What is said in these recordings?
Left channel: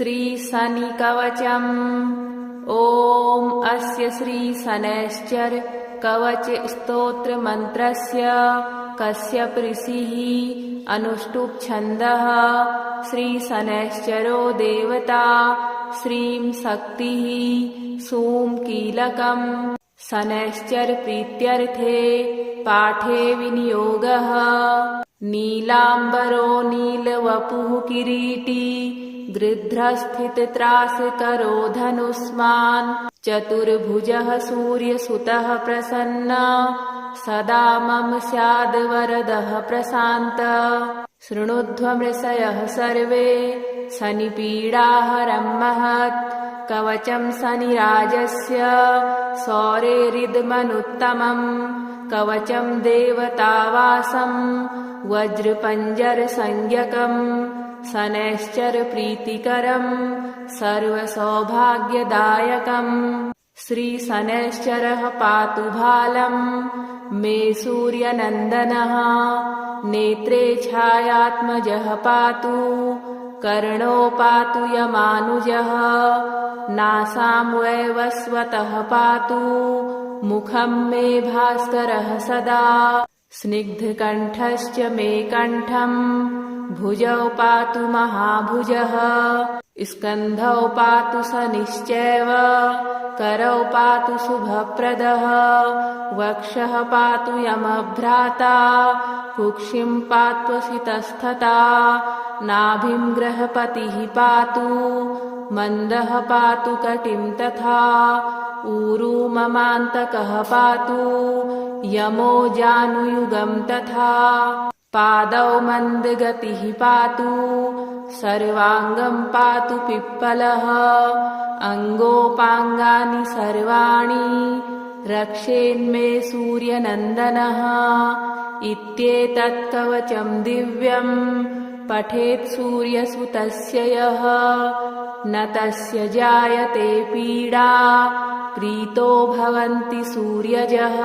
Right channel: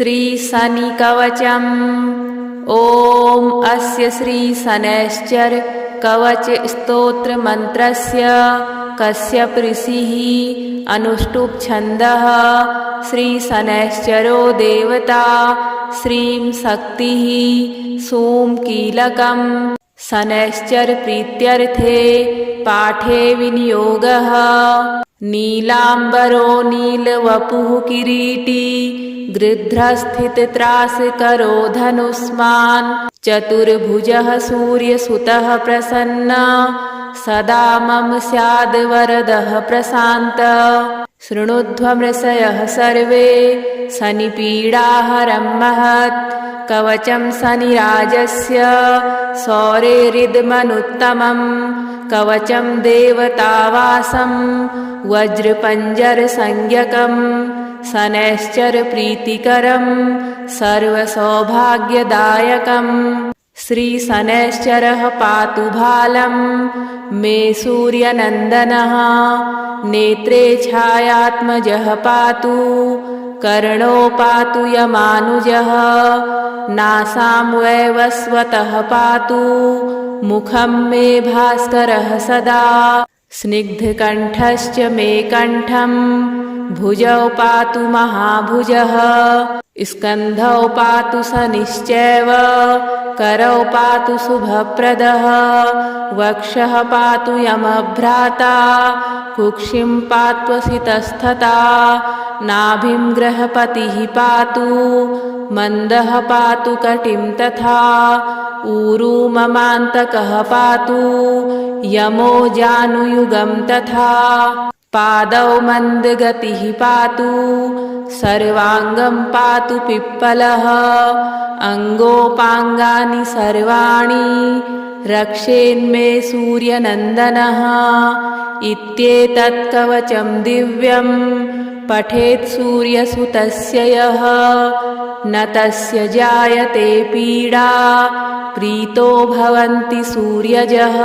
श्रीशनिकवचम्। ॐ अस्य श्रीशनैश्चर कवच स्तोत्र मंत्रस्य कश्यप ऋषिः अनुष्टुप् छन्दः। श्रीशनैश्चरो देवता श्रीं शक्तिः सूं कीलकम्। शनैश्चर प्रीत्यर्थे पाठे विनियोगः। नीलाम्बरो नीलवपुः किरीटी गृध्रस्थितत्रासकरो धनुष्मान्। चतुर्भुजः सूर्यसुतः प्रसन्न सदा मम स्याद् वरदः प्रशान्तः। शृणुध्वमृषयः सर्वे शनिपीडाहरं महत्। कवचं शनिराजस्य शौरेरिदमनुत्तमम्। कवचं देवतावासं वज्रपञ्जरसंज्ञकम्। शनैश्चर प्रीतिकरं सर्वसौभाग्यदायकम्। श्रीशनैश्चरः पातु भालं मे सूर्यनन्दनः। नेत्रे छायात्मजः पातु कर्णो पातु यमानुजः। नासां वैवस्वतः पातु मुखं मे भास्करः सदा। स्निग्धकण्ठश्च मे कण्ठं भुजौ पातु महाभुजः। स्कन्धौ पातु शनिश्चैव करौ पातु शुभप्रदः। वक्षः पातु यमभ्राता कुक्षिं पात्वसितस्तथा। नाभिं ग्रहपतिः पातु मन्दः पातु कटिं तथा। ऊरू ममान्तकः पातु यमो जानुयुगं तथा। पादौ मन्दगतिः पातु सर्वाङ्गं पातु पिप्पलः। अङ्गोपाङ्गानि सर्वाणि रक्षेन्मे सूर्यनन्दनः। इत्येतत् कवचं दिव्यं पठेत् सूर्यसुतस्य यः। न तस्य जायते पीडा प्रीतो भवन्ति सूर्यजः।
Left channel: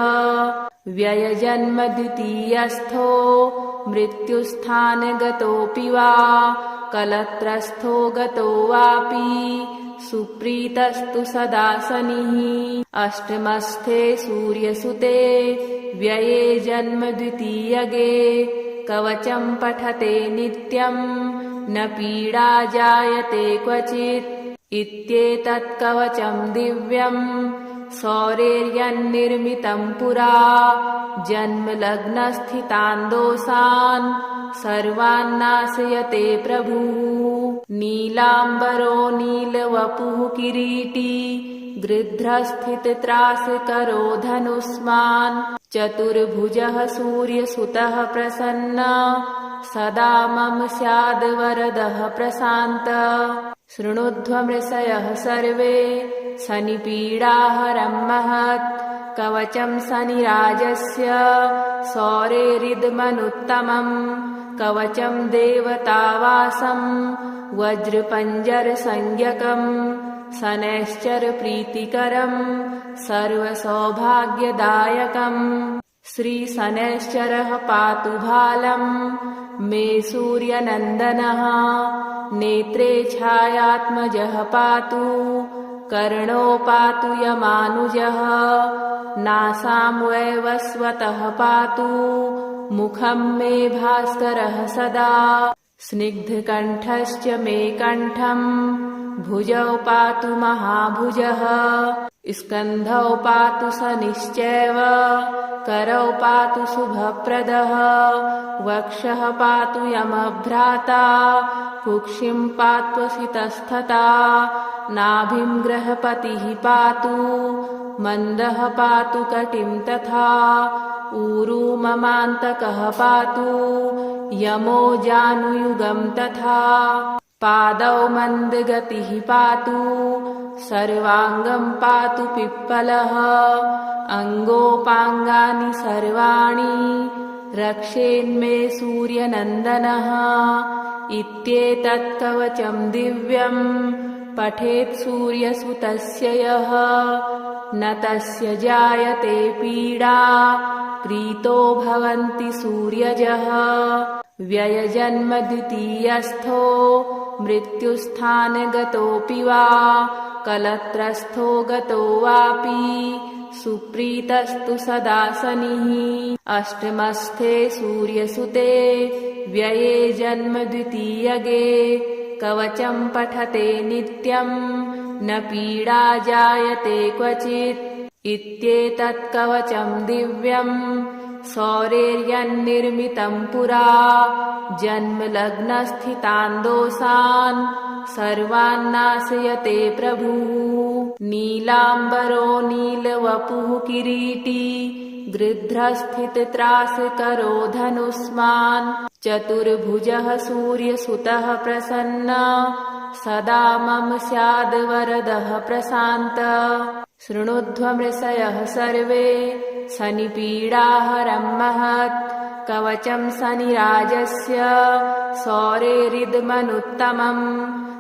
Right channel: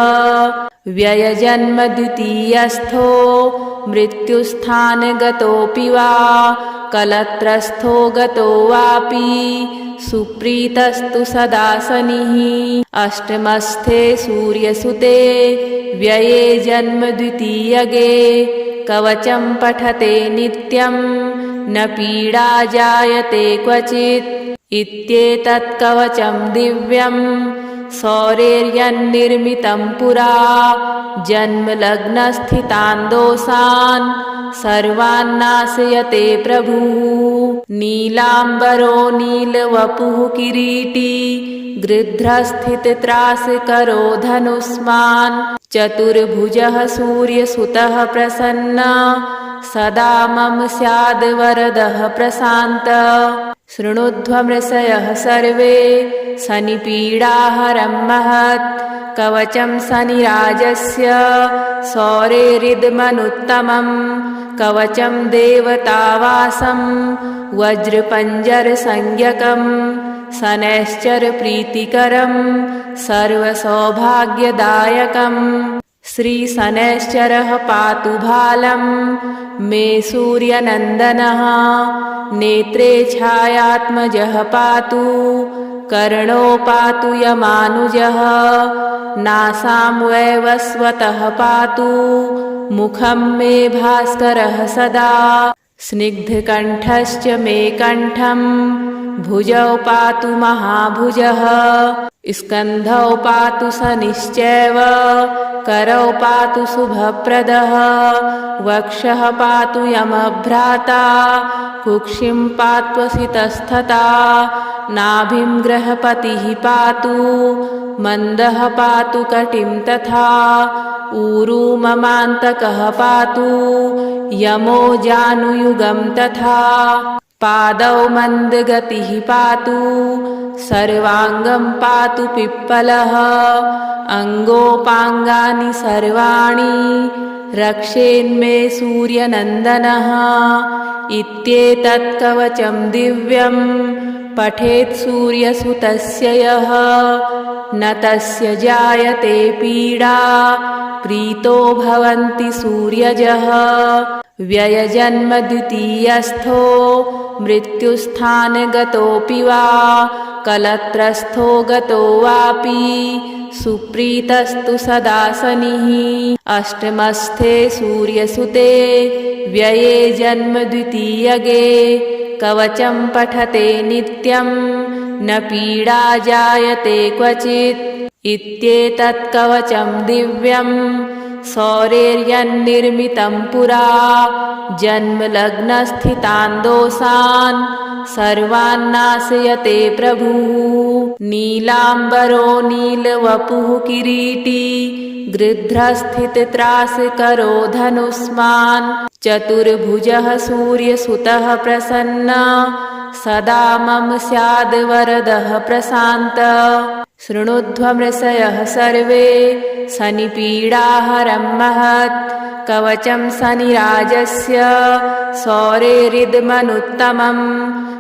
व्ययजन्म द्वितीयस्थो मृत्युस्थानगतोऽपि वा। कलत्रस्थो गतो वापि सुप्रीतस्तु सदा शनिः। अष्टमस्थे सूर्यसुते व्यये जन्म द्वितीयगे। कवचं पठते नित्यं न पीडा जायते क्वचित्। इत्येतत् कवचं दिव्यं शौरेर्यन्निर्मितं पुरा। जन्मलग्नस्थितान् दोषान् सर्वान् नाशयते प्रभुः। नीलाम्बरो नीलवपुः किरीटी गृध्रस्थितत्रासकरो धनुष्मान्। चतुर्भुजः सूर्यसुतः प्रसन्न सदा मम स्याद् वरदः प्रशान्तः। शृणुध्वमृषयः सर्वे शनिपीडाहरं महत्। कवचं शनिराजस्य शौरेरिदमनुत्तमम्। कवचं देवतावासं वज्रपञ्जरसंज्ञकम्। शनैश्चर प्रीतिकरं सर्वसौभाग्यदायकम्। श्रीशनैश्चरः पातु भालं मे सूर्यनन्दनः। नेत्रे छायात्मजः पातु कर्णो पातु यमानुजः। नासां वैवस्वतः पातु मुखं मे भास्करः सदा। स्निग्धकण्ठश्च मे कण्ठं भुजौ पातु महाभुजः। स्कन्धौ पातु शनिश्चैव करौ पातु शुभप्रदः। वक्षः पातु यमभ्राता कुक्षिं पात्वसितस्तथा। नाभिं ग्रहपतिः पातु मन्दः पातु कटिं तथा। ऊरू ममान्तकः पातु यमो जानुयुगं तथा। पादौ मन्दगतिः पातु सर्वाङ्गं पातु पिप्पलः। अङ्गोपाङ्गानि सर्वाणि रक्षेन्मे सूर्यनन्दनः। इत्येतत् कवचं दिव्यं पठेत् सूर्यसुतस्य यः। न तस्य जायते पीडा प्रीतो भवन्ति सूर्यजः। व्ययजन्म द्वितीयस्थो मृत्युस्थानगतोऽपि वा कलत्रस्थो गतो वापि सुप्रीतस्तु सदा शनिः। अष्टमस्थे सूर्यसुते व्यये जन्म द्वितीयगे कवचं पठते नित्यं न पीडा जायते क्वचित्। इत्येतत् कवचं दिव्यं सौरेर्यन्निर्मितं पुरा जन्मलग्नस्थितान् दोषान् सर्वान् नाशयते प्रभुः। नीलाम्बरो नीलवपुः किरीटी गृध्रस्थितत्रासकरो धनुष्मान् चतुर्भुजः सूर्यसुतः प्रसन्नः सदा मम स्याद् वरदः प्रशान्तः। शृणुध्वमृषयः सर्वे शनिपीडाहरं महत् कवचं शनिराजस्य सौरेरिदमनुत्तमं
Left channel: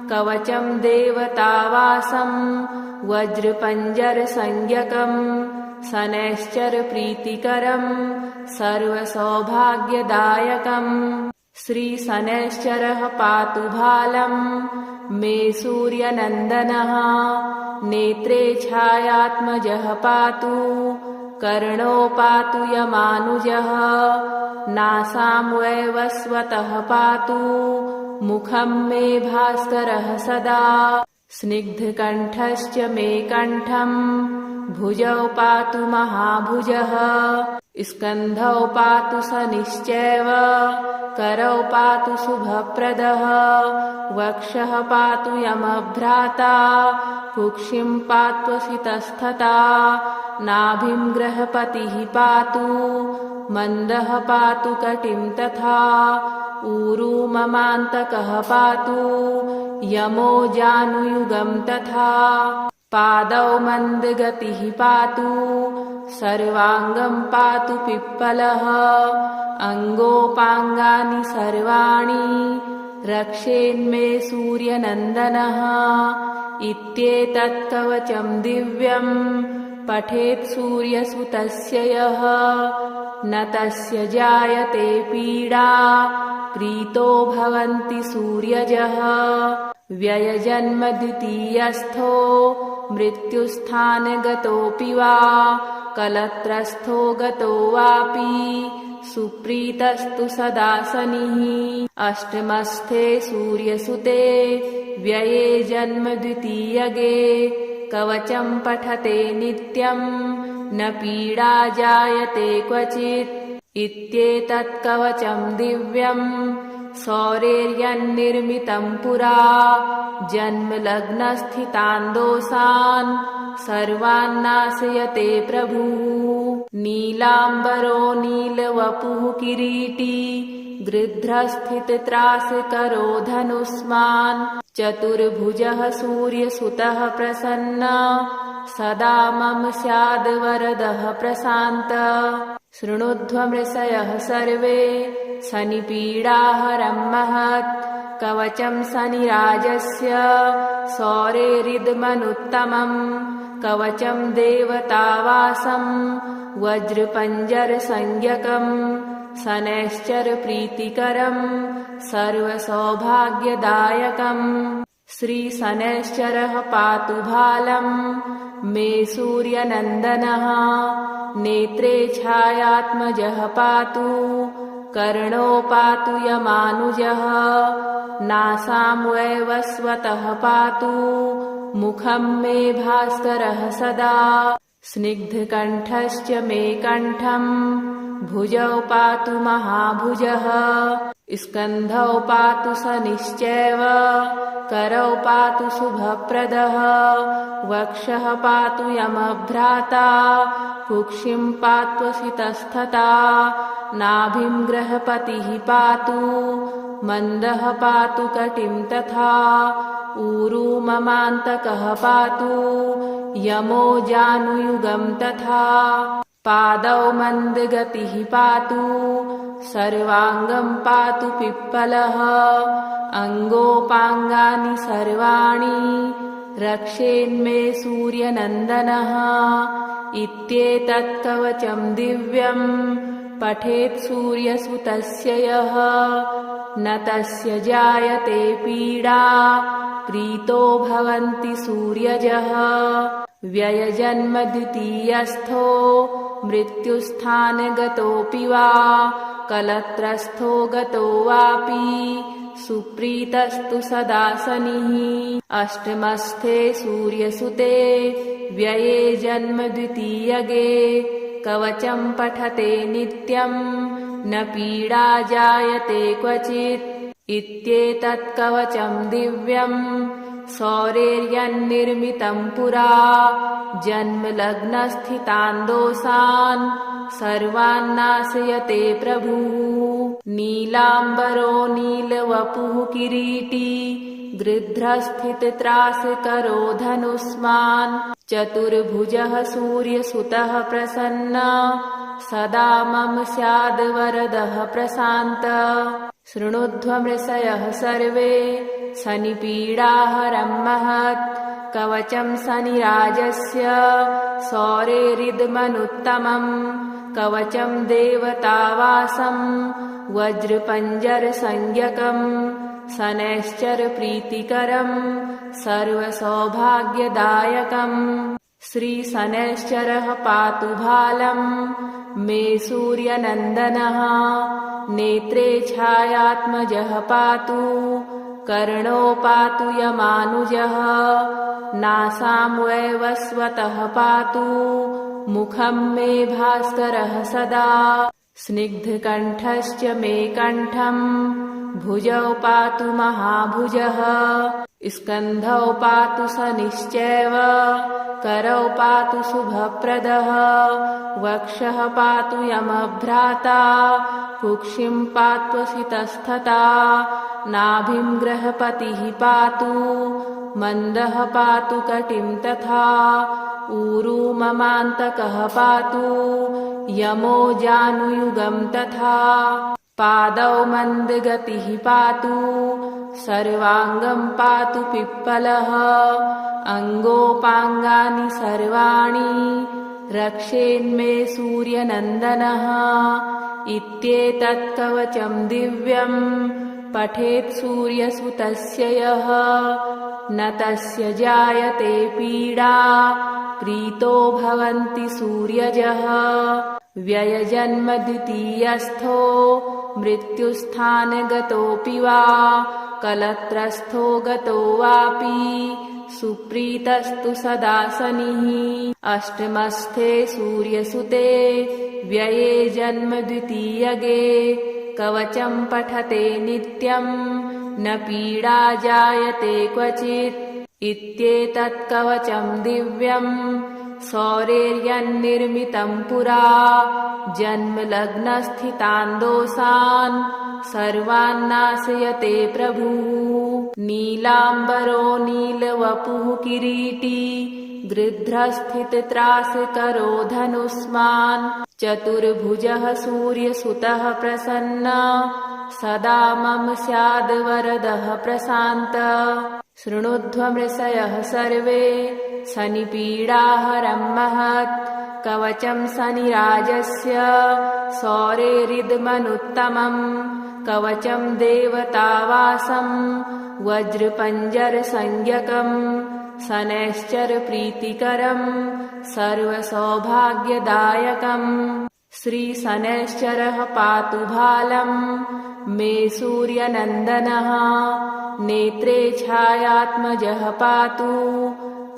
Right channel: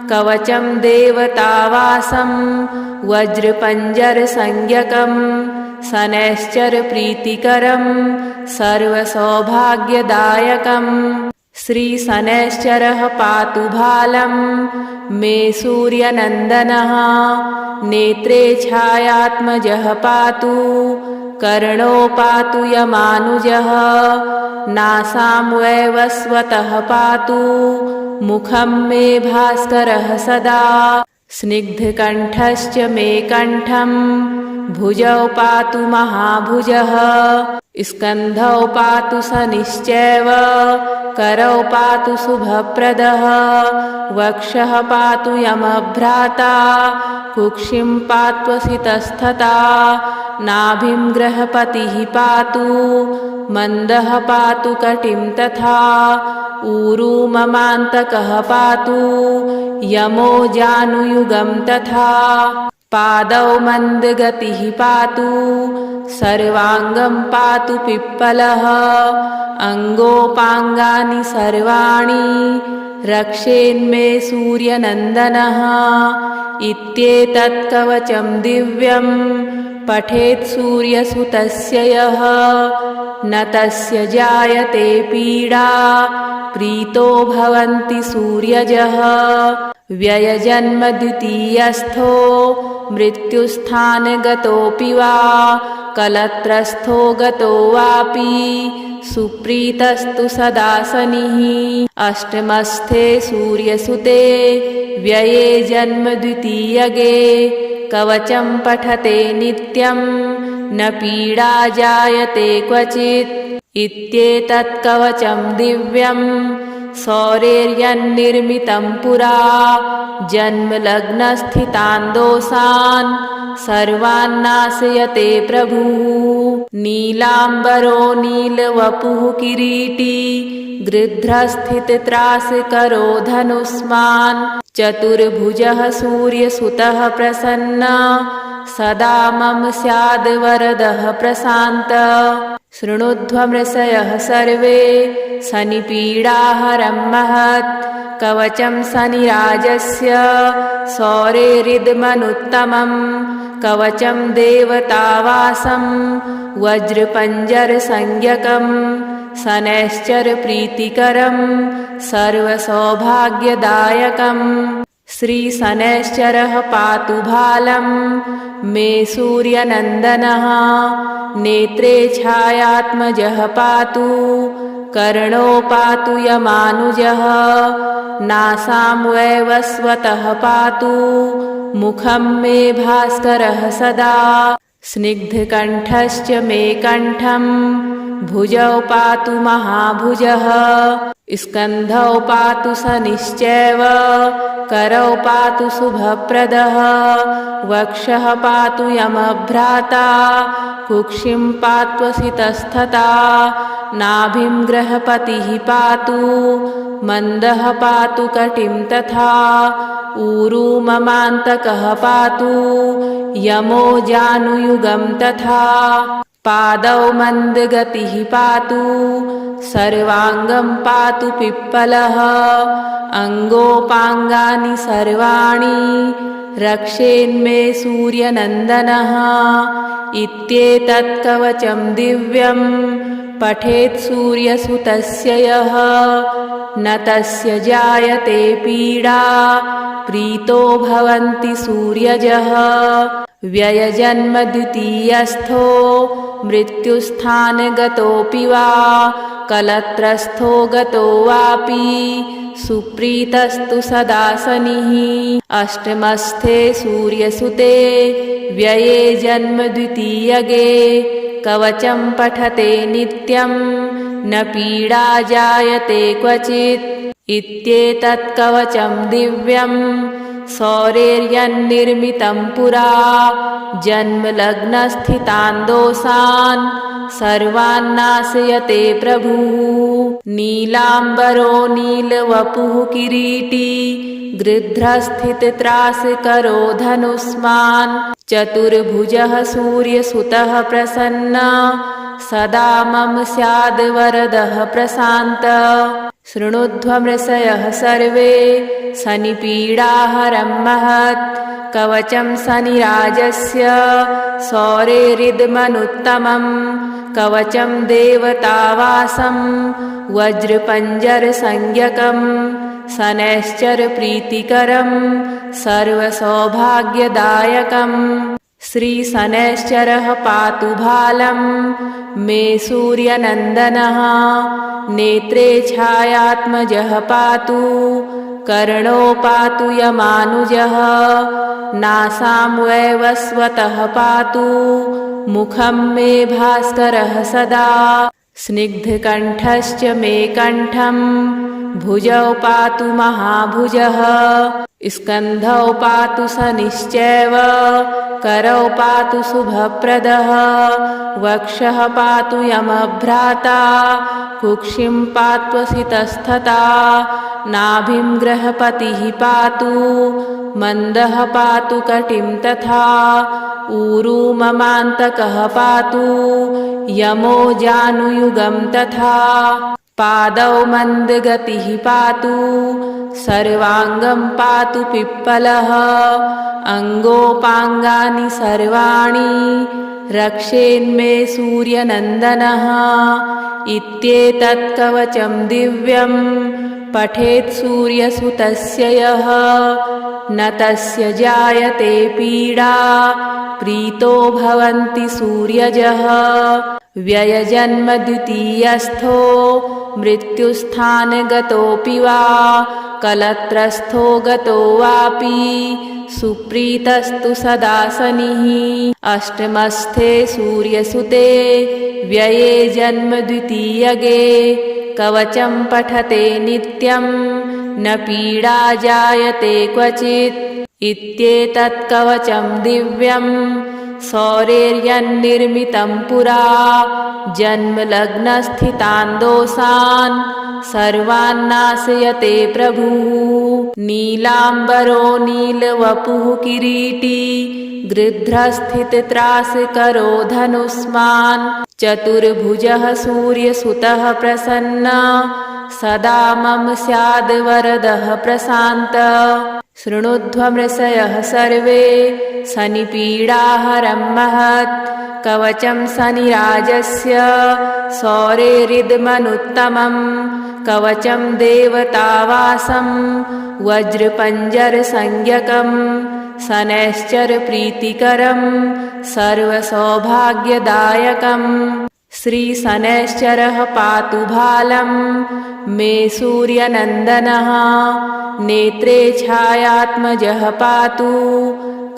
कवचं देवतावासं वज्रपञ्जरसंज्ञकं शनैश्चरप्रीतिकरं सर्वसौभाग्यदायकम्। श्रीशनैश्चरः पातु भालं मे सूर्यनन्दनः नेत्रे छायात्मजः पातु कर्णो पातु यमानुजः नासां वैवस्वतः पातु मुखं मे भास्करः सदा। स्निग्धकण्ठश्च मे कण्ठं भुजौ पातु महाभुजः स्कन्धौ पातु शनिश्चैव करौ पातु शुभप्रदः वक्षः पातु यमभ्राता कुक्षिं पात्वसितस्तथा नाभिं ग्रहपतिः पातु मन्दः पातु कटिं तथा ऊरू ममान्तकः पातु यमो जानुयुगं तथा पादौ मन्दगतिः पातु सर्वाङ्गं पातु पिप्पलः अङ्गोपाङ्गानि सर्वाणि रक्षेन्मे सूर्यनन्दनः। इत्येतत् कवचं दिव्यं पठेत् सूर्यसुतस्य यः न तस्य जायते पीडा प्रीतो भवन्ति सूर्यजः। व्ययजन्म द्वितीयस्थो मृत्युस्थानगतोऽपि वा कलत्रस्थो गतो वापि सुप्रीतस्तु सदा शनिः। अष्टमस्थे सूर्यसुते व्यये जन्म द्वितीयगे कवचं पठते नित्यं न पीडा जायते क्वचित्। इत्येतत् कवचं दिव्यं सौरेर्यन्निर्मितं पुरा जन्मलग्नस्थितान् दोषान् सर्वान् नाशयते प्रभुः। नीलाम्बरो नीलवपुः किरीटी गृध्रस्थितत्रासकरो धनुष्मान् चतुर्भुजः सूर्यसुतः प्रसन्नः सदा मम स्याद् वरदः प्रशान्तः। शृणुध्वमृषयः सर्वे शनिपीडाहरं महत् कवचं शनिराजस्य सौरेरिदमनुत्तमं कवचं देवतावासं वज्रपञ्जरसंज्ञकं शनैश्चरप्रीतिकरं सर्वसौभाग्यदायकम्। श्रीशनैश्चरः पातु भालं मे सूर्यनन्दनः नेत्रे छायात्मजः पातु कर्णो पातु यमानुजः नासां वैवस्वतः पातु मुखं मे भास्करः सदा। स्निग्धकण्ठश्च मे कण्ठं भुजौ पातु महाभुजः स्कन्धौ पातु शनिश्चैव करौ पातु शुभप्रदः वक्षः पातु यमभ्राता कुक्षिं पात्वसितस्तथा नाभिं ग्रहपतिः पातु मन्दः पातु कटिं तथा ऊरू ममान्तकः पातु यमो जानुयुगं तथा पादौ मन्दगतिः पातु सर्वाङ्गं पातु पिप्पलः अङ्गोपाङ्गानि सर्वाणि रक्षेन्मे सूर्यनन्दनः। इत्येतत् कवचं दिव्यं पठेत् सूर्यसुतस्य यः न तस्य जायते पीडा प्रीतो भवन्ति सूर्यजः व्ययजन्म द्वितीयस्थो मृत्युस्थानगतोऽपि वा कलत्रस्थो गतो वापि सुप्रीतस्तु सदा शनिः अष्टमस्थे सूर्यसुते व्यये जन्म द्वितीयगे कवचं पठते नित्यं न पीडा जायते क्वचित् इत्येतत् कवचं दिव्यं सौरेर्यन्निर्मितं पुरा जन्मलग्नस्थितान् दोषान् सर्वान् नाशयते प्रभुः नीलाम्बरो नीलवपुः किरीटी गृध्रस्थितत्रासकरो धनुष्मान् चतुर्भुजः सूर्यसुतः प्रसन्न सदा मम स्याद् वरदः प्रशान्तः शृणुध्वमृषयः सर्वे शनिपीडाहरं महत् कवचं शनिराजस्य सौरेरिदमनुत्तमं कवचं देवतावासं वज्रपञ्जरसंज्ञकं शनैश्चरप्रीतिकरं सर्वसौभाग्यदायकं श्रीशनैश्चरः पातु भालं मे सूर्यनन्दनः नेत्रे छायात्मजः पातु कर्णो पातु यमानुजः नासां वैवस्वतः पातु मुखं मे भास्करः सदा स्निग्धकण्ठश्च मे कण्ठं भुजौ पातु महाभुजः स्कन्धौ पातु शनिश्चैव करौ पातु शुभप्रदः वक्षः पातु यमभ्राता कुक्षिं पात्वसितस्तथा नाभिं ग्रहपतिः पातु मन्दः पातु कटिं तथा ऊरू ममान्तकः पातु यमो जानुयुगं तथा पादौ मन्दगतिः पातु सर्वाङ्गं पातु पिप्पलः अङ्गोपाङ्गानि सर्वाणि रक्षेन्मे सूर्यनन्दनः इत्येतत् कवचं दिव्यं पठेत् सूर्यसुतस्य यः न तस्य जायते पीडा प्रीतो भवन्ति सूर्यजः व्ययजन्म द्वितीयस्थो मृत्युस्थानगतोऽपि वा कलत्रस्थो गतो वापि सुप्रीतस्तु सदा शनिः अष्टमस्थे सूर्यसुते व्यये जन्म द्वितीयगे कवचं पठते नित्यं न पीडा जायते क्वचित् इत्येतत् कवचं दिव्यं सौरेर्यन्निर्मितं पुरा जन्मलग्नस्थितान् दोषान् सर्वान् नाशयते प्रभुः नीलाम्बरो नीलवपुः किरीटी गृध्रस्थितत्रासकरो धनुष्मान् चतुर्भुजः सूर्यसुतः प्रसन्न सदा मम स्याद् वरदः प्रशान्तः शृणुध्वमृषयः सर्वे शनिपीडाहरं महत् कवचं शनिराजस्य सौरेरिदमनुत्तमं कवचं देवतावासं वज्रपञ्जरसंज्ञकं शनैश्चरप्रीतिकरं सर्वसौभाग्यदायकं श्रीशनैश्चरः पातु भालं मे सूर्यनन्दनः नेत्रे छायात्मजः पातु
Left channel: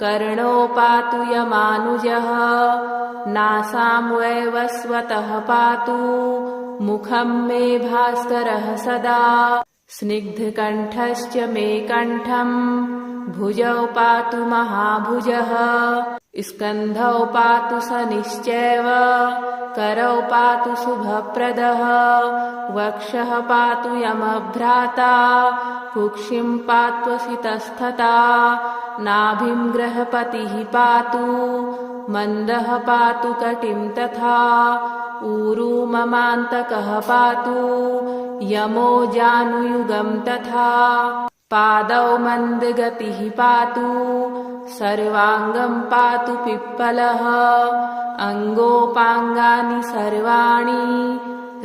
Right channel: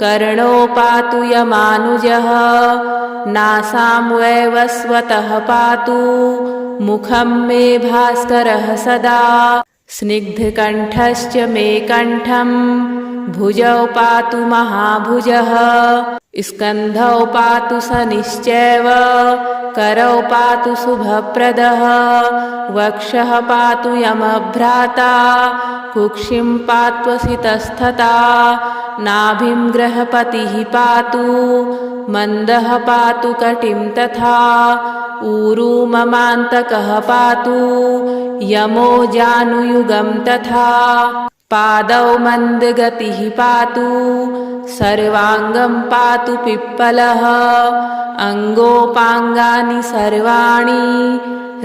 कर्णो पातु यमानुजः नासां वैवस्वतः पातु मुखं मे भास्करः सदा स्निग्धकण्ठश्च मे कण्ठं भुजौ पातु महाभुजः स्कन्धौ पातु शनिश्चैव करौ पातु शुभप्रदः वक्षः पातु यमभ्राता कुक्षिं पात्वसितस्तथा नाभिं ग्रहपतिः पातु मन्दः पातु कटिं तथा ऊरू ममान्तकः पातु यमो जानुयुगं तथा पादौ मन्दगतिः पातु सर्वाङ्गं पातु पिप्पलः अङ्गोपाङ्गानि सर्वाणि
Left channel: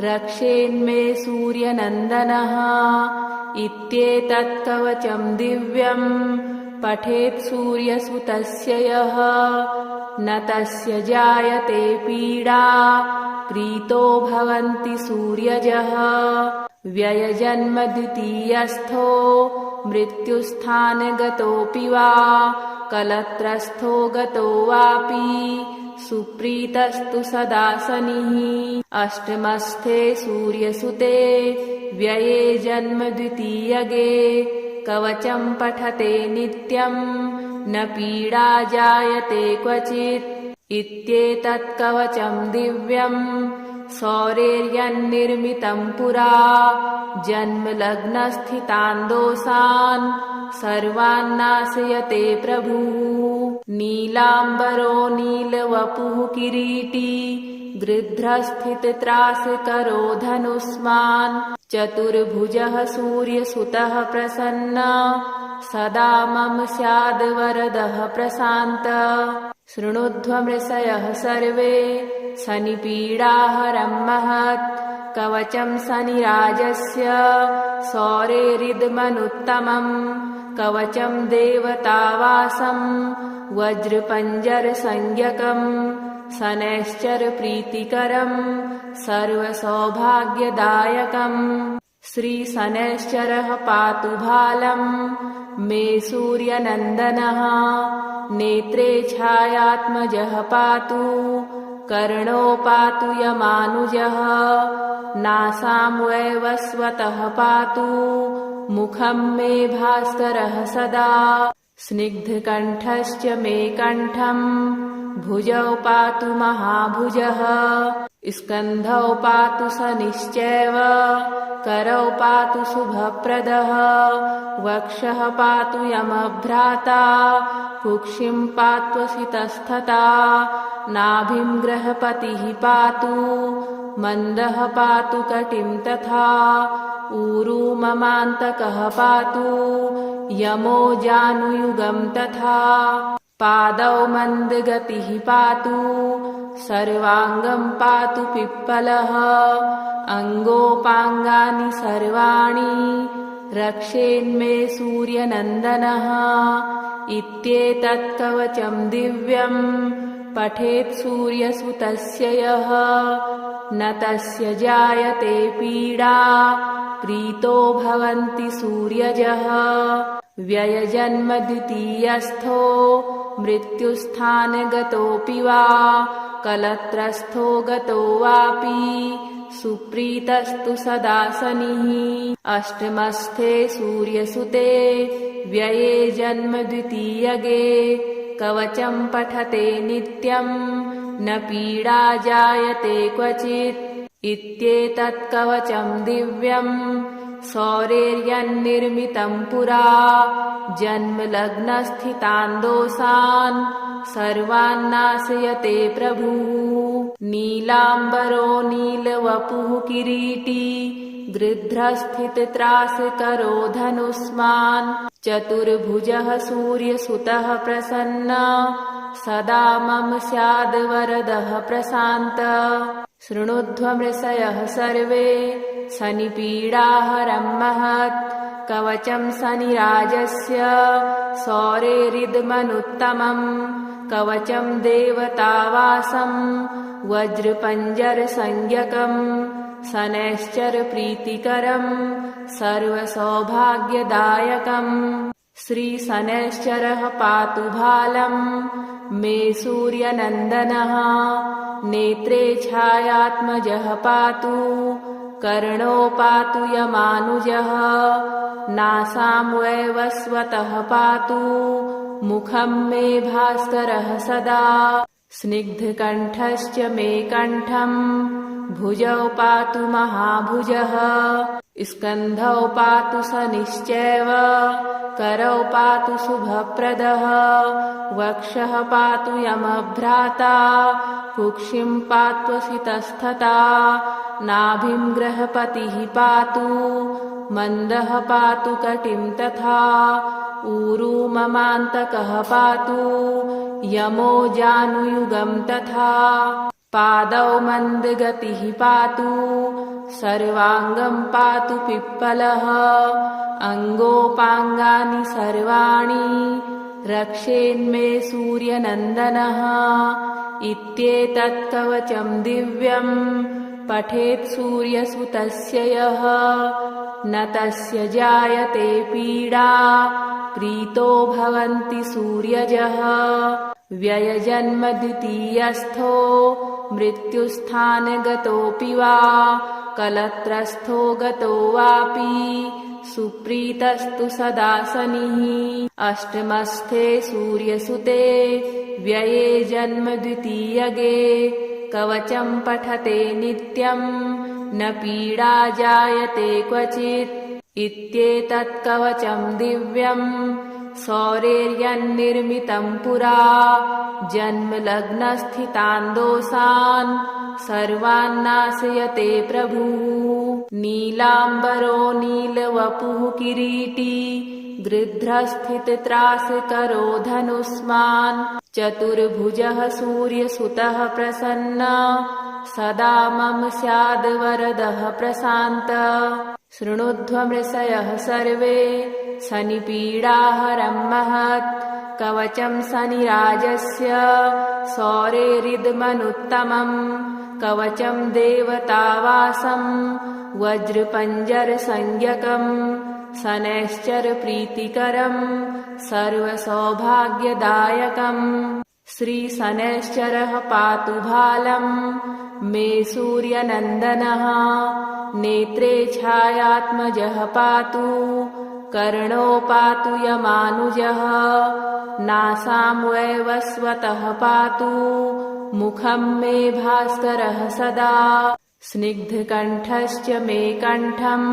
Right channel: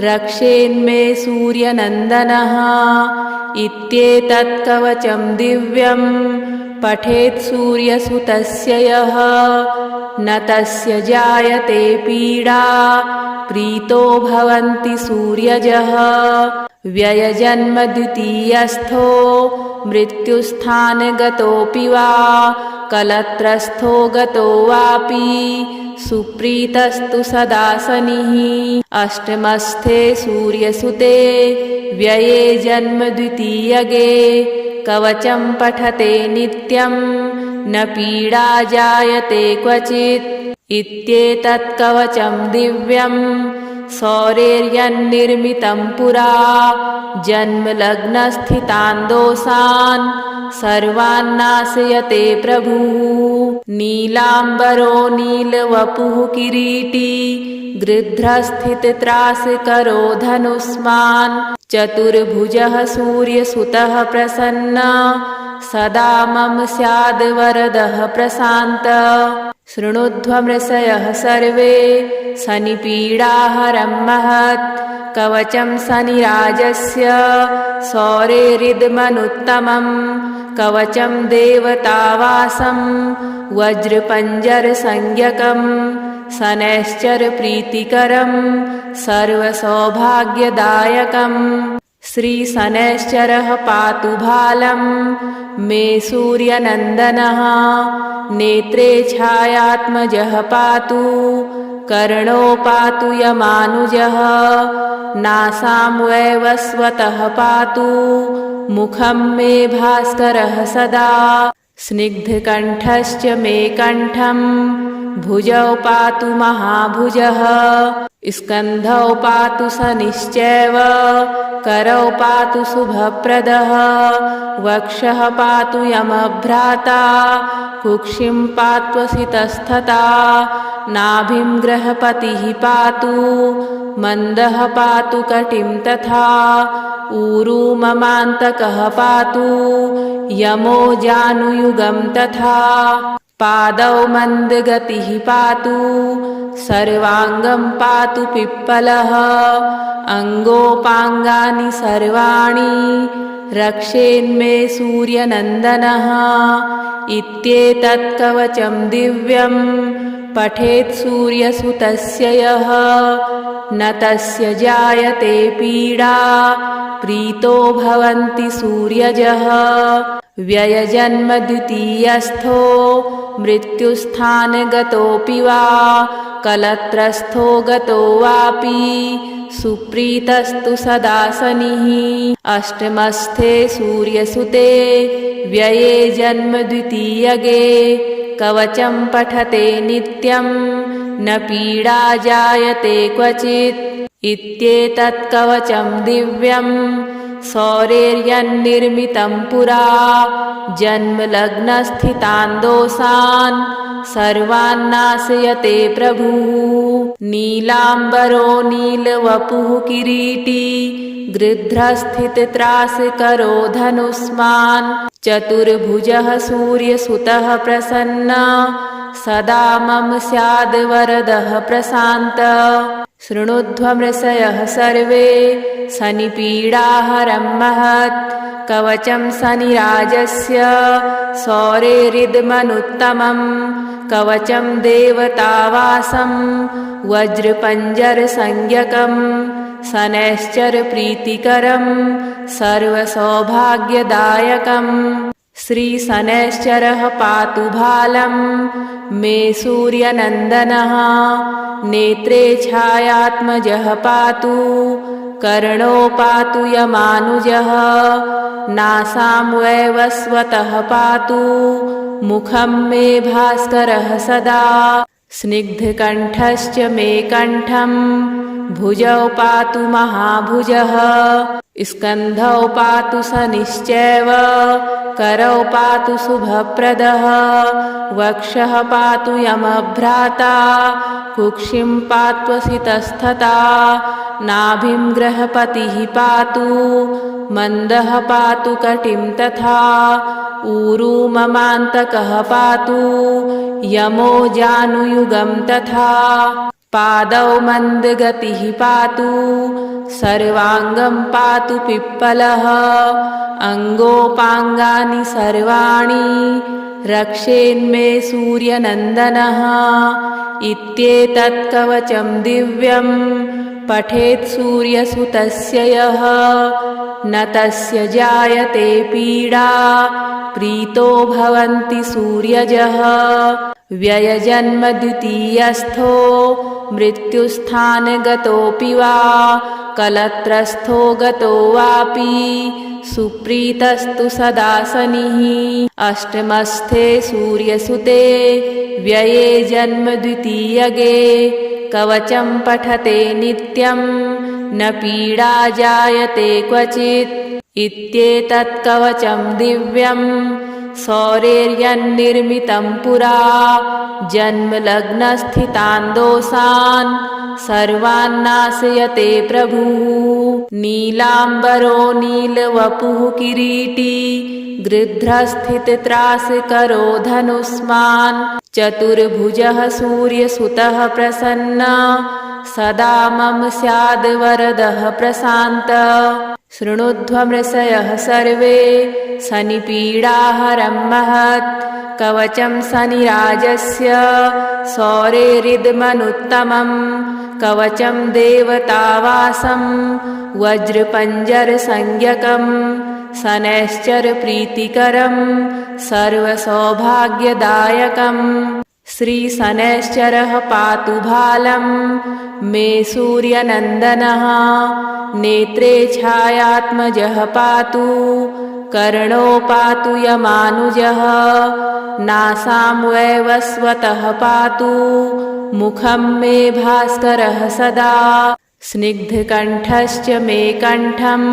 रक्षेन्मे सूर्यनन्दनः इत्येतत् कवचं दिव्यं पठेत् सूर्यसुतस्य यः न तस्य जायते पीडा प्रीतो भवन्ति सूर्यजः व्ययजन्म द्वितीयस्थो मृत्युस्थानगतोऽपि वा कलत्रस्थो गतो वापि सुप्रीतस्तु सदा शनिः अष्टमस्थे सूर्यसुते व्यये जन्म द्वितीयगे कवचं पठते नित्यं न पीडा जायते क्वचित् इत्येतत् कवचं दिव्यं सौरेर्यन्निर्मितं पुरा जन्मलग्नस्थितान् दोषान् सर्वान्नाशयते प्रभुः नीलाम्बरो नीलवपुः किरीटी गृध्रस्थितत्रासकरो धनुष्मान् चतुर्भुजः सूर्यसुतः प्रसन्नः सदा मम स्याद् वरदः प्रशान्तः शृणुध्वमृषयः सर्वे शनिपीडाहरं महत् कवचं शनिराजस्य सौरेरिदमनुत्तमं कवचं देवतावासं वज्रपञ्जरसंज्ञकं शनैश्चरप्रीतिकरं सर्वसौभाग्यदायकम् श्रीशनैश्चरः पातु भालं मे सूर्यनन्दनः नेत्रे छायात्मजः पातु कर्णो पातु यमानुजः नासां वैवस्वतः पातु मुखं मे भास्करः सदा स्निग्धकण्ठश्च मे कण्ठं भुजौ पातु महाभुजः स्कन्धौ पातु शनिश्चैव करौ पातु शुभप्रदः वक्षः पातु यमभ्राता कुक्षिं पात्वसितस्तथा नाभिं ग्रहपतिः पातु मन्दः पातु कटिं तथा ऊरू ममान्तकः पातु यमो जानुयुगं तथा पादौ मन्दगतिः पातु सर्वाङ्गं पातु पिप्पलः अङ्गोपाङ्गानि सर्वाणि रक्षेन्मे सूर्यनन्दनः इत्येतत् कवचं दिव्यं पठेत् सूर्यसुतस्य यः न तस्य जायते पीडा प्रीतो भवन्ति सूर्यजः व्ययजन्म द्वितीयस्थो मृत्युस्थानगतोऽपि वा कलत्रस्थो गतो वापि सुप्रीतस्तु सदा शनिः अष्टमस्थे सूर्यसुते व्यये जन्म द्वितीयगे कवचं पठते नित्यं न पीडा जायते क्वचित् इत्येतत् कवचं दिव्यं सौरेर्यन्निर्मितं पुरा जन्मलग्नस्थितान् दोषान् सर्वान्नाशयते प्रभुः नीलाम्बरो नीलवपुः किरीटी गृध्रस्थितत्रासकरो धनुष्मान् चतुर्भुजः सूर्यसुतः प्रसन्नः सदा मम स्याद् वरदः प्रशान्तः शृणुध्वमृषयः सर्वे शनिपीडाहरं महत् कवचं शनिराजस्य सौरेरिदमनुत्तमं कवचं देवतावासं वज्रपञ्जरसंज्ञकं शनैश्चरप्रीतिकरं सर्वसौभाग्यदायकम् श्रीशनैश्चरः पातु भालं मे सूर्यनन्दनः नेत्रे छायात्मजः पातु कर्णो पातु यमानुजः नासां वैवस्वतः पातु मुखं मे भास्करः सदा स्निग्धकण्ठश्च मे कण्ठं भुजौ पातु महाभुजः स्कन्धौ पातु शनिश्चैव करौ पातु शुभप्रदः वक्षः पातु यमभ्राता कुक्षिं पात्वसितस्तथा नाभिं ग्रहपतिः पातु मन्दः पातु कटिं तथा ऊरू ममान्तकः पातु यमो जानुयुगं तथा पादौ मन्दगतिः पातु सर्वाङ्गं पातु पिप्पलः अङ्गोपाङ्गानि सर्वाणि रक्षेन्मे सूर्यनन्दनः इत्येतत् कवचं दिव्यं पठेत् सूर्यसुतस्य यः न तस्य जायते पीडा प्रीतो भवन्ति सूर्यजः व्ययजन्म द्वितीयस्थो मृत्युस्थानगतोऽपि वा कलत्रस्थो गतो वापि सुप्रीतस्तु सदा शनिः अष्टमस्थे सूर्यसुते व्यये जन्म द्वितीयगे कवचं पठते नित्यं न पीडा जायते क्वचित् इत्येतत् कवचं दिव्यं सौरेर्यन्निर्मितं पुरा जन्मलग्नस्थितान् दोषान् सर्वान् नाशयते प्रभुः नीलाम्बरो नीलवपुः किरीटी गृध्रस्थितत्रासकरो धनुष्मान् चतुर्भुजः सूर्यसुतः प्रसन्नः सदा मम स्याद् वरदः प्रशान्तः शृणुध्वमृषयः सर्वे शनिपीडाहरं महत् कवचं शनिराजस्य सौरेरिदमनुत्तमं कवचं देवतावासं वज्रपञ्जरसंज्ञकं शनैश्चरप्रीतिकरं सर्वसौभाग्यदायकं श्रीशनैश्चरः पातु भालं मे सूर्यनन्दनः नेत्रे छायात्मजः पातु कर्णो पातु यमानुजः नासां वैवस्वतः पातु मुखं मे भास्करः सदा स्निग्धकण्ठश्च मे कण्ठं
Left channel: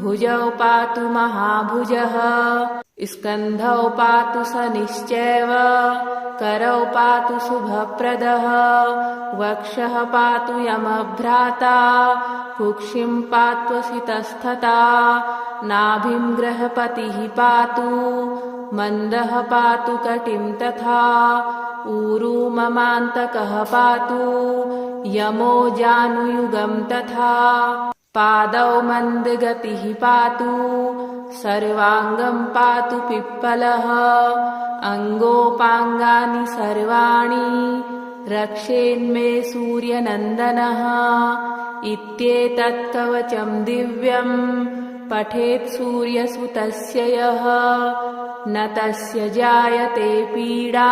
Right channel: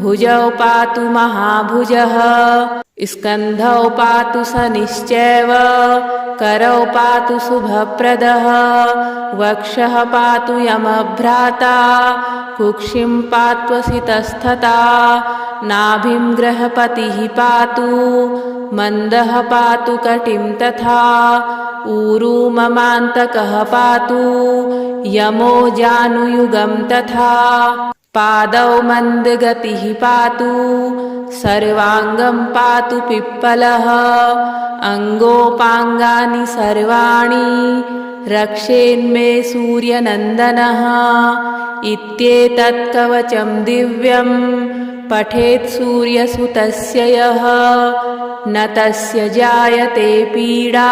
भुजौ पातु महाभुजः स्कन्धौ पातु शनिश्चैव करौ पातु शुभप्रदः वक्षः पातु यमभ्राता कुक्षिं पात्वसितस्तथा नाभिं ग्रहपतिः पातु मन्दः पातु कटिं तथा ऊरू ममान्तकः पातु यमो जानुयुगं तथा पादौ मन्दगतिः पातु सर्वाङ्गं पातु पिप्पलः अङ्गोपाङ्गानि सर्वाणि रक्षेन्मे सूर्यनन्दनः इत्येतत् कवचं दिव्यं पठेत् सूर्यसुतस्य यः न तस्य जायते पीडा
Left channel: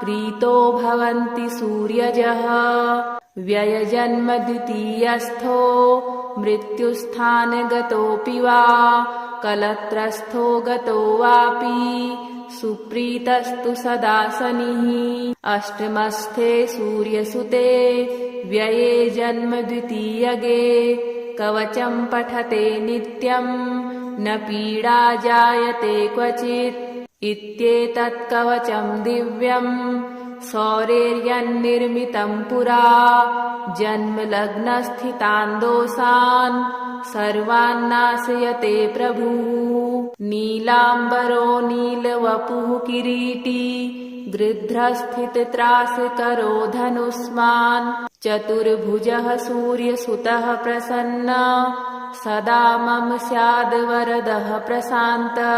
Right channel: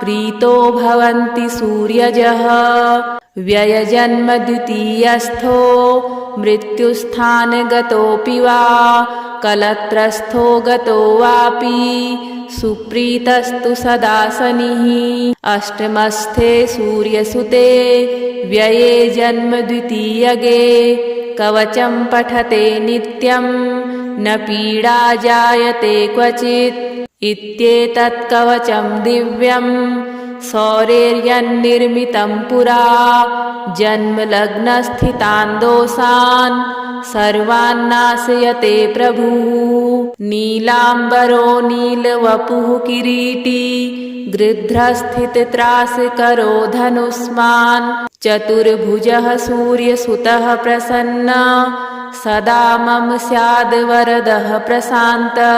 प्रीतो भवन्ति सूर्यजः व्ययजन्म द्वितीयस्थो मृत्युस्थानगतोऽपि वा कलत्रस्थो गतो वापि सुप्रीतस्तु सदा शनिः अष्टमस्थे सूर्यसुते व्यये जन्म द्वितीयगे कवचं पठते नित्यं न पीडा जायते क्वचित् इत्येतत् कवचं दिव्यं सौरेर्यन्निर्मितं पुरा जन्मलग्नस्थितान् दोषान् सर्वान् नाशयते प्रभुः नीलाम्बरो नीलवपुः किरीटी गृध्रस्थितत्रासकरो धनुष्मान् चतुर्भुजः सूर्यसुतः प्रसन्नः सदा मम स्याद् वरदः प्रशान्तः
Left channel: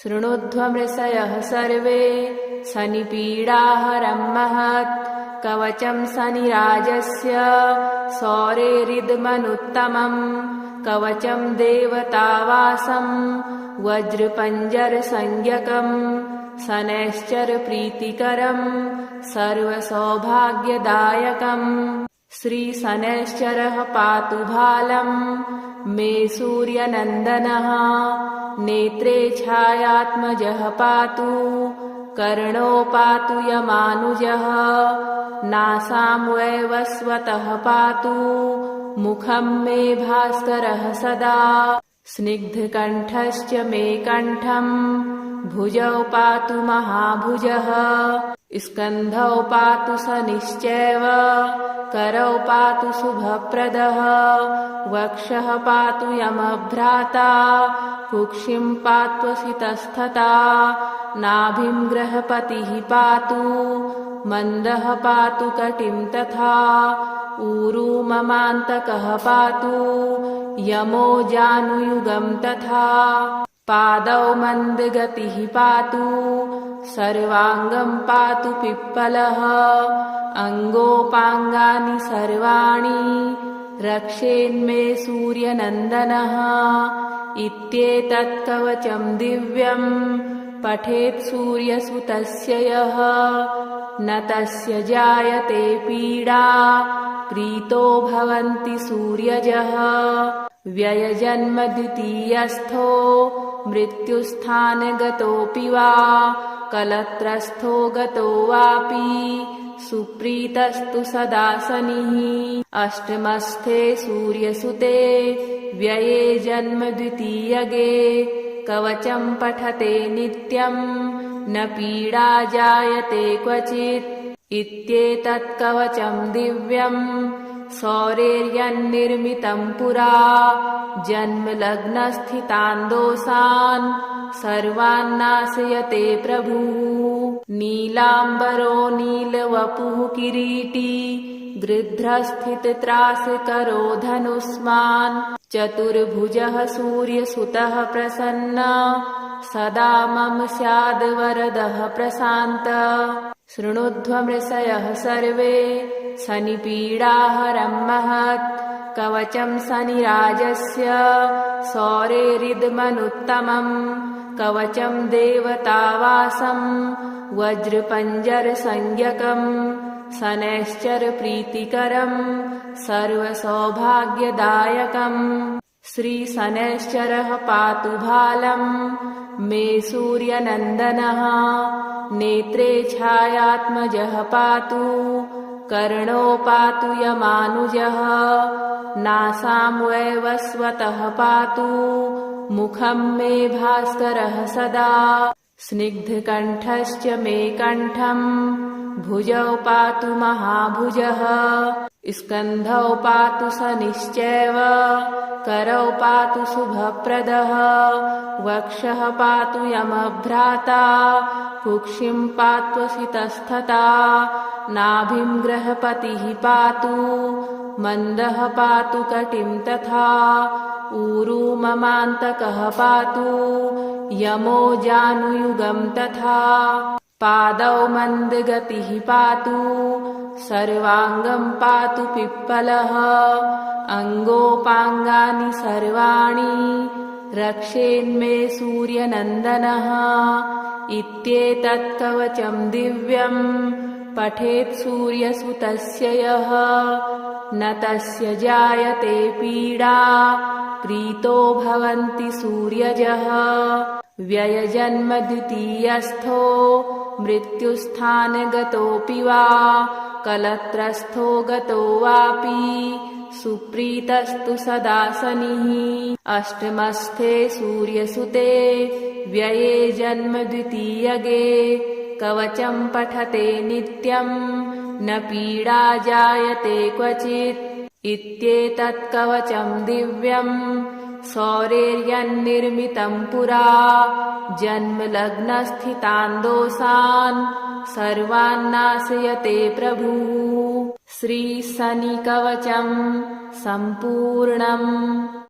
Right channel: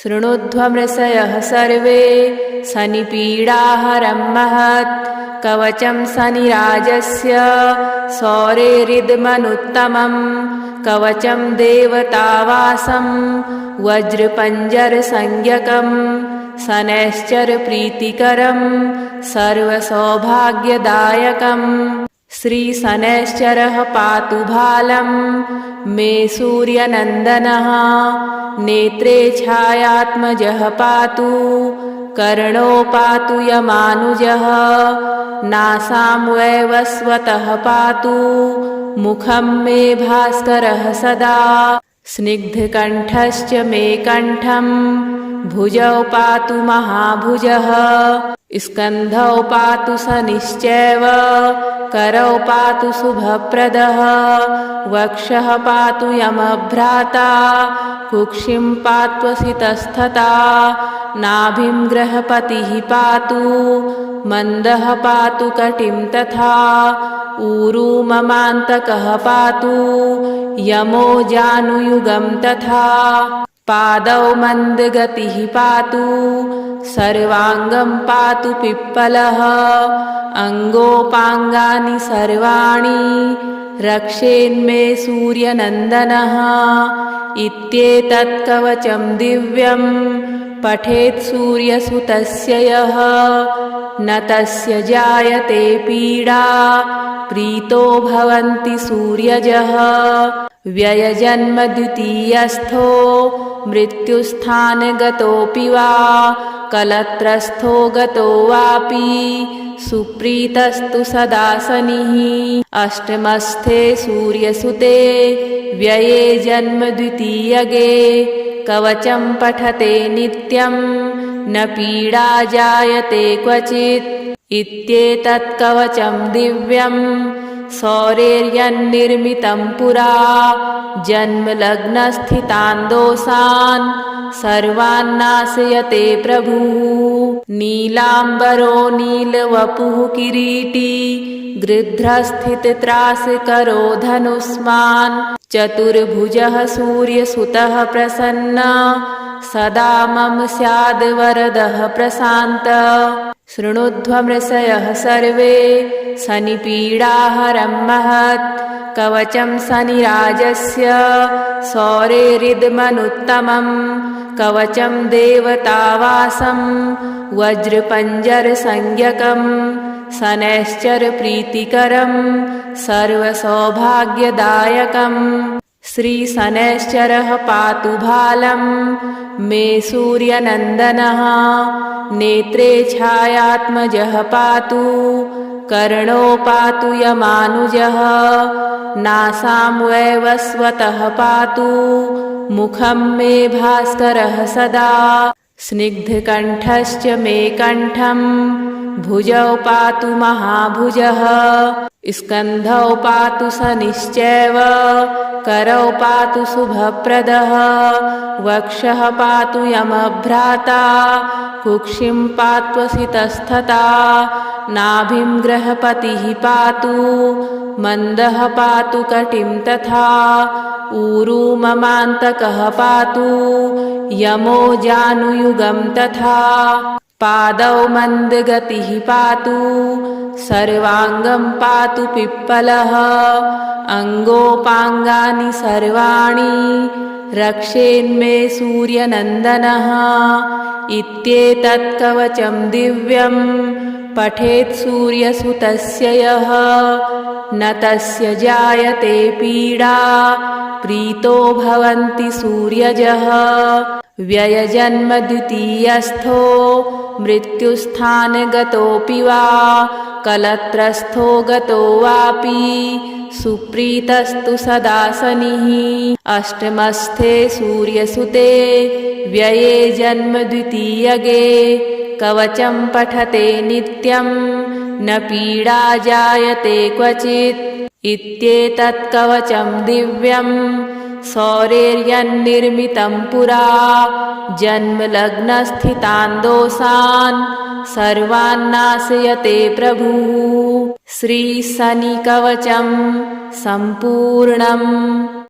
शृणुध्वमृषयः सर्वे शनिपीडाहरं महत् कवचं शनिराजस्य सौरेरिदमनुत्तमं कवचं देवतावासं वज्रपञ्जरसंज्ञकं शनैश्चरप्रीतिकरं सर्वसौभाग्यदायकं श्रीशनैश्चरः पातु भालं मे सूर्यनन्दनः नेत्रे छायात्मजः पातु कर्णो पातु यमानुजः नासां वैवस्वतः पातु मुखं मे भास्करः सदा स्निग्धकण्ठश्च मे कण्ठं भुजौ पातु महाभुजः स्कन्धौ पातु शनिश्चैव करौ पातु शुभप्रदः वक्षः पातु यमभ्राता कुक्षिं पात्वसितस्तथा नाभिं गृहपतिः पातु मन्दः पातु कटिं तथा ऊरू ममान्तकः पातु यमो जानुयुगं तथा पादौ मन्दगतिः पातु सर्वाङ्गं पातु पिप्पलः अङ्गोपाङ्गानि सर्वाणि रक्षेन्मे सूर्यनन्दनः इत्येतत् कवचं दिव्यं पठेत् सूर्यसुतस्य यः न तस्य जायते पीडा प्रीतो भवन्ति सूर्यजः व्ययजन्म द्वितीयस्थो मृत्युस्थानगतोऽपि वा कलत्रस्थो गतो वापि सुप्रीतस्तु सदा शनिः अष्टमस्थे सूर्यसुते व्यये जन्म द्वितीयगे कवचं पठते नित्यं न पीडा जायते क्वचित् इत्येतत् कवचं दिव्यं सौरेर्यन्निर्मितं पुरा जन्मलग्नस्थितान् दोषान् सर्वान्नाशयते प्रभुः नीलाम्बरो नीलवपुः किरीटी गृध्रस्थितत्रासकरो धनुष्मान् चतुर्भुजः सूर्यसुतः प्रसन्नः सदा मम स्याद् वरदः प्रशान्तः शृणुध्वमृषयः सर्वे शनिपीडाहरं महत् कवचं शनिराजस्य सौरेरिदमनुत्तमं कवचं देवतावासं वज्रपञ्जरसंज्ञकं शनैश्चरप्रीतिकरं सर्वसौभाग्यदायकम् श्रीशनैश्चरः पातु भालं मे सूर्यनन्दनः नेत्रे छायात्मजः पातु कर्णो पातु यमानुजः नासां वैवस्वतः पातु मुखं मे भास्करः सदा स्निग्धकण्ठश्च मे कण्ठं भुजौ पातु महाभुजः स्कन्धौ पातु शनिश्चैव करौ पातु शुभप्रदः वक्षः पातु यमभ्राता कुक्षिं पात्वसितस्तथा नाभिं गृहपतिः पातु मन्दः पातु कटिं तथा ऊरू ममान्तकः पातु यमो जानुयुगं तथा पादौ मन्दगतिः पातु सर्वाङ्गं पातु पिप्पलः अङ्गोपाङ्गानि सर्वाणि रक्षेन्मे सूर्यनन्दनः इत्येतत् कवचं दिव्यं पठेत् सूर्यसुतस्य यः न तस्य जायते पीडा प्रीतो भवन्ति सूर्यजः व्ययजन्म द्वितीयस्थो मृत्युस्थानगतोऽपि वा कलत्रस्थो गतो वापि सुप्रीतस्तु सदा शनिः अष्टमस्थे सूर्यसुते व्यये जन्म द्वितीयगे कवचं पठते नित्यं न पीडा जायते क्वचित् इत्येतत् कवचं दिव्यं सौरेर्यन्निर्मितं पुरा जन्मलग्नस्थितान् दोषान् सर्वान्नाशयते प्रभुः श्रीशनिकवचं सम्पूर्णम्।